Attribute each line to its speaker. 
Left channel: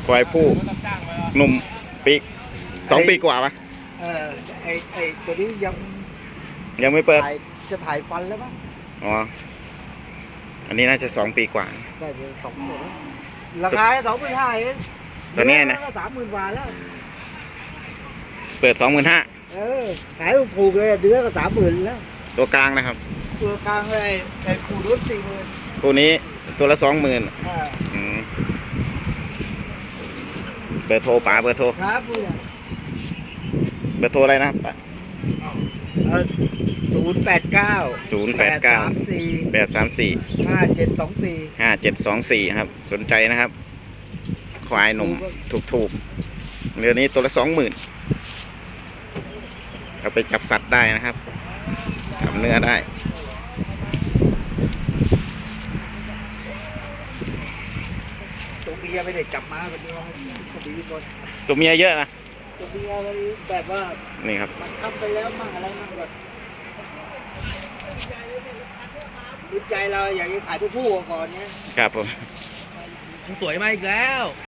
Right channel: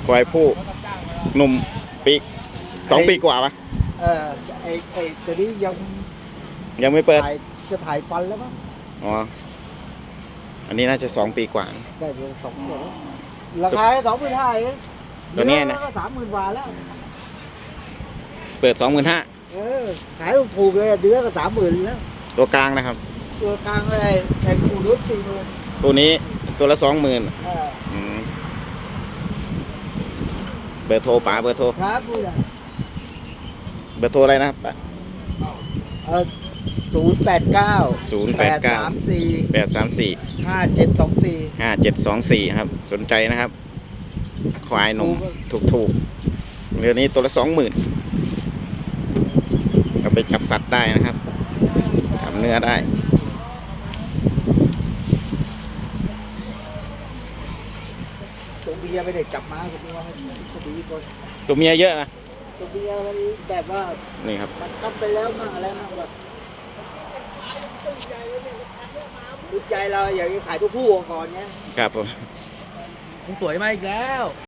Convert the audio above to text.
Speaker 1: ควายผู้หนุ่มปี2 ปีกว่าปะ
Speaker 2: เออไอ้ตัวนี้
Speaker 1: ยังไม่เปิด
Speaker 2: จะถ่ายฟันแล้วมั้ง
Speaker 1: อ๋ออันนี้น่าจะ2 ปีกว่า
Speaker 2: ได้เดือน2 ตัวราคา25,000เอง
Speaker 1: ตัวเนี้ยนะ
Speaker 2: ก็30,000 บาทแล้ว
Speaker 1: เปิด 25,000
Speaker 2: เออขายถูกเลยเดือนก็30,000แล้ว
Speaker 1: ตัวกลางนะครับ
Speaker 2: ตัวกลางเลยไอ้คูรุ่น40,000
Speaker 1: ตัวนี้ตัวละ 20,000
Speaker 2: อ่า
Speaker 1: เบอร์โทรป๋าเบอร์โทร
Speaker 2: ครับผู้ใหญ่
Speaker 1: เบอร์โทรอะไรนะครับป๋า
Speaker 2: 089
Speaker 1: 089 834
Speaker 2: 5724
Speaker 1: 5724ครับสนใจนะครับควายหนุ่มถูกเรือนี้ตัวละ 20,000เอาไปจับสัตว์ได้นะครับทำเนื้อได้
Speaker 2: ตัวเบียร์ไม่ได้จับมาแบบนี้ว่าตัวเบียร์ก่อน
Speaker 1: ตัวเมียเยอะนะ
Speaker 2: ตัวเบียร์มันแบบว่า
Speaker 1: นี่ครับ
Speaker 2: บังคับไปแล้วมั่งอะไรมั่งก่อนติดใจเราอยากจะขายตัวผู้ก่อนเนี่ย
Speaker 1: ครับผม
Speaker 3: สวยมาอีกแล้ว